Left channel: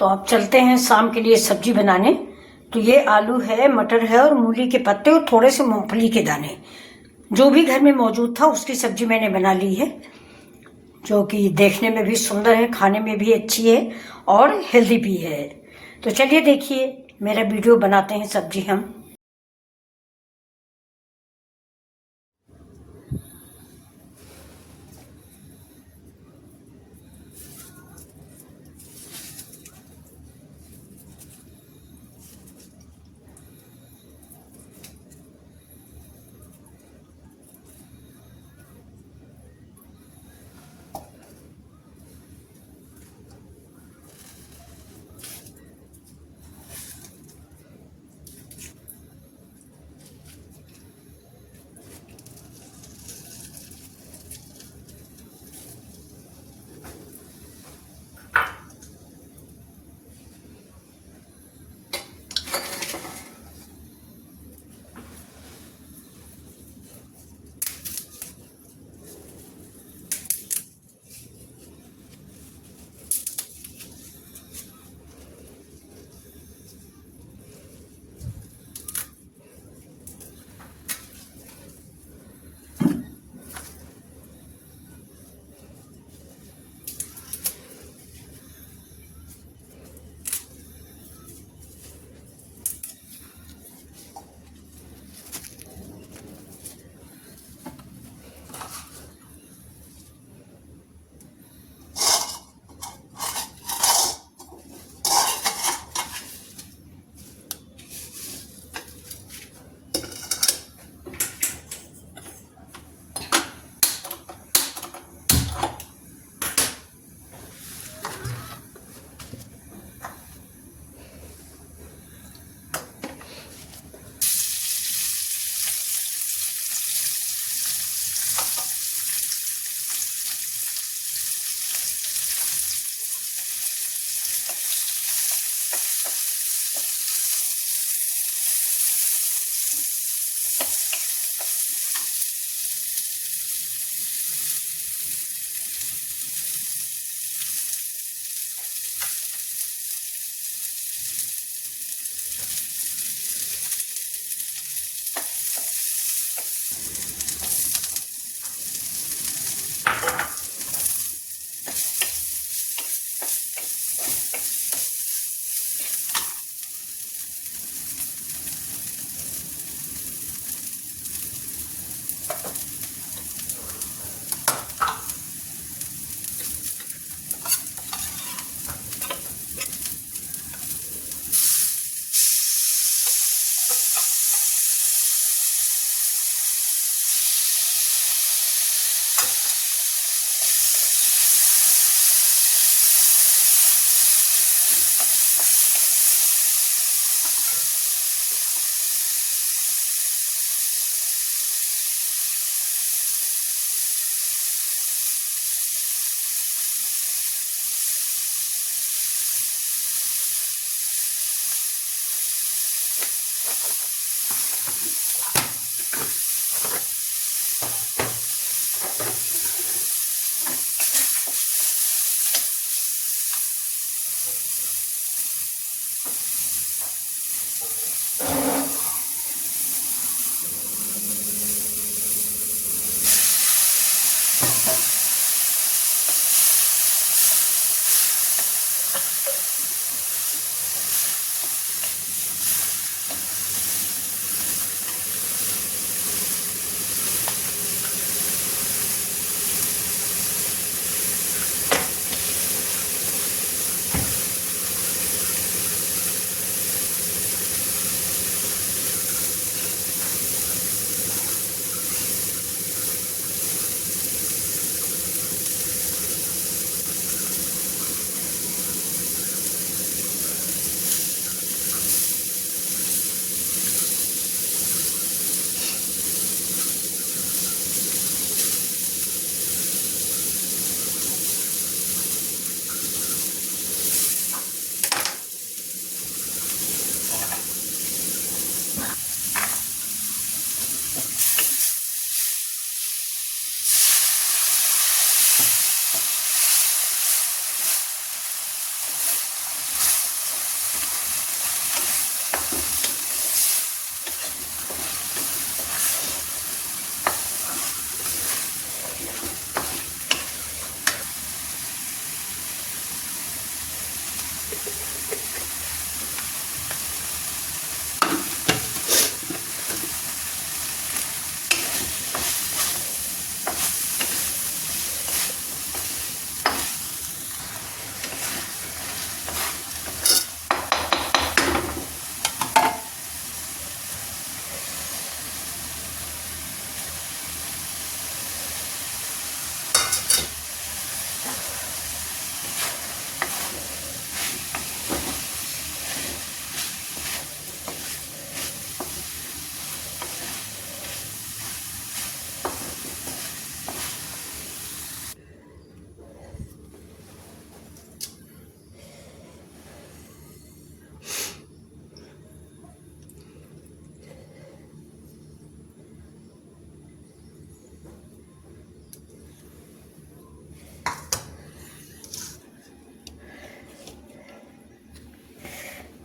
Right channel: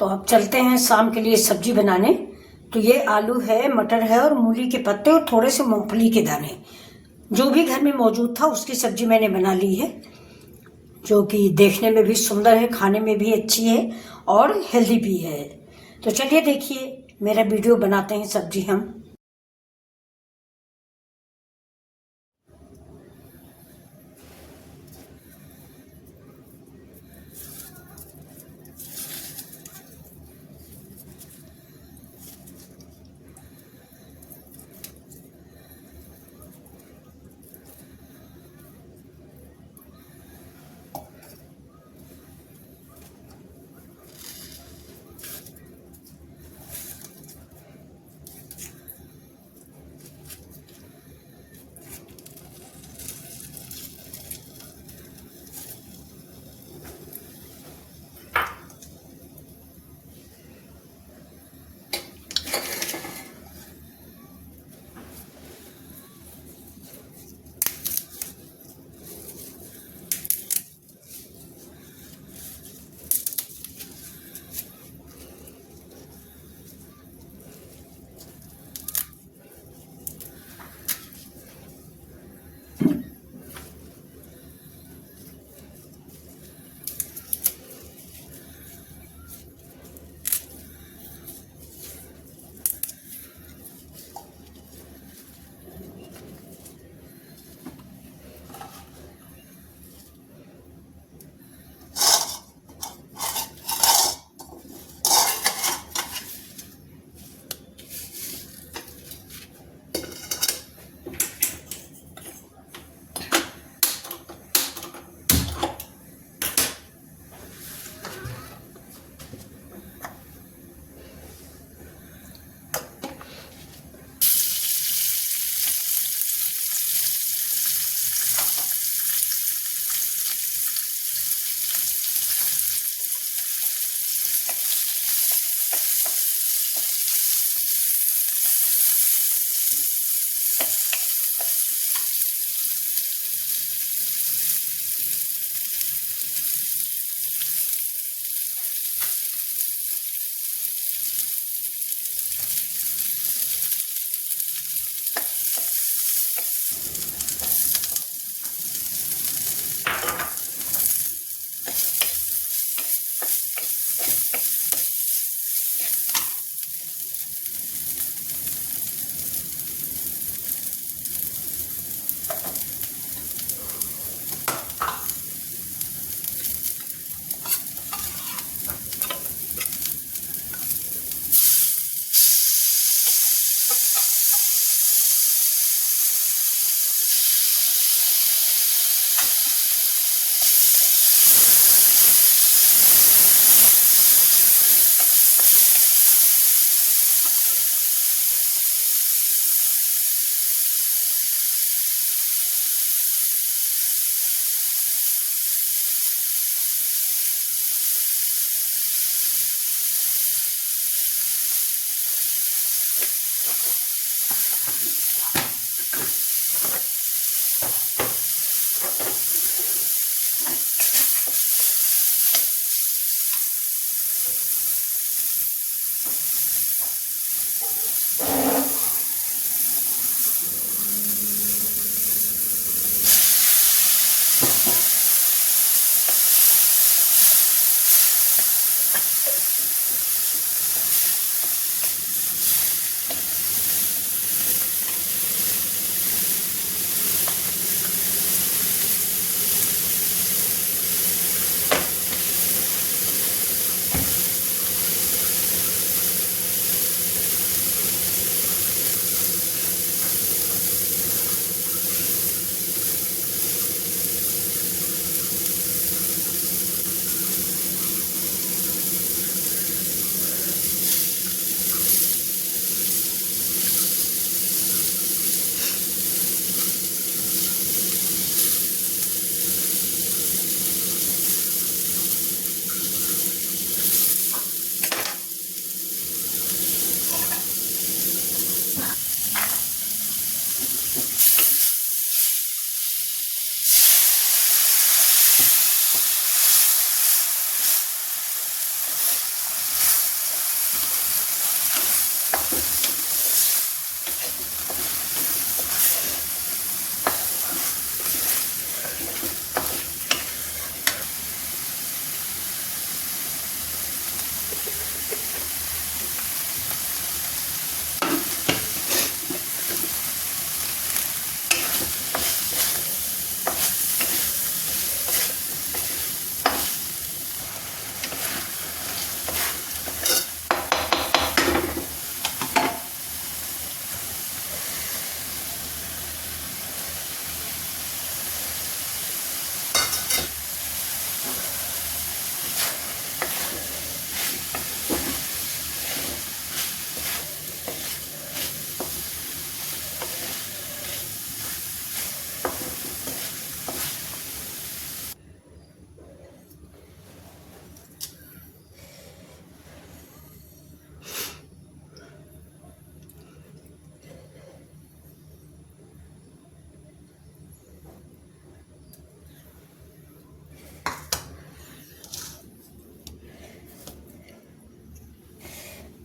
तो अब चलते हैं शाम के लिए सब्जी बनाने। तो ये आलू है, मटर है और मूली के पत्ते और थोड़े से मूंगफली के दाने, जो भी घर में मौजूद था उसकी सब्जी मैंने बना ली है, जो कि देखने में भी सुंदर है, खाने में भी अच्छी है और हेल्दी भी है। तो चलिए देखिए मेरा वीडियो, बनाते हैं सब्जी हम।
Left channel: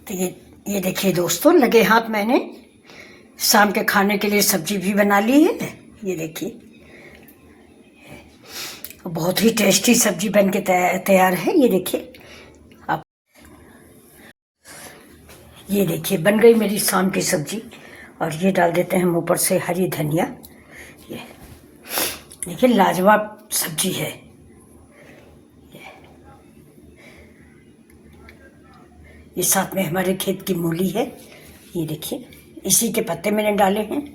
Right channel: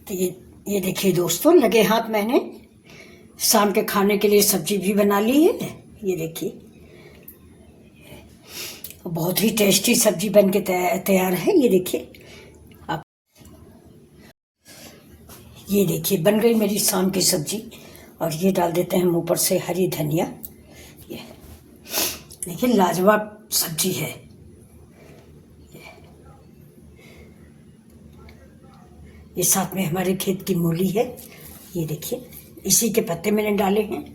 तो ये देखिए दोस्तों, लगे हाथ मैंने शाम के खाने के लिए सब्जी भी बना ली है। ये देखिए, बहुत ही टेस्टी सब्जी बन के तैयार है। ये देखिए आप, ये देखिए बन गई मेरी शाम की सब्जी। और ये डाल देते हैं हम ऊपर से हरी धनिया। ये देखिए लाजवाब सब्जी है। ये साथ में हमारे खेत की मूली है। ये देखिए, इसी के पत्ते मैंने डाले हैं।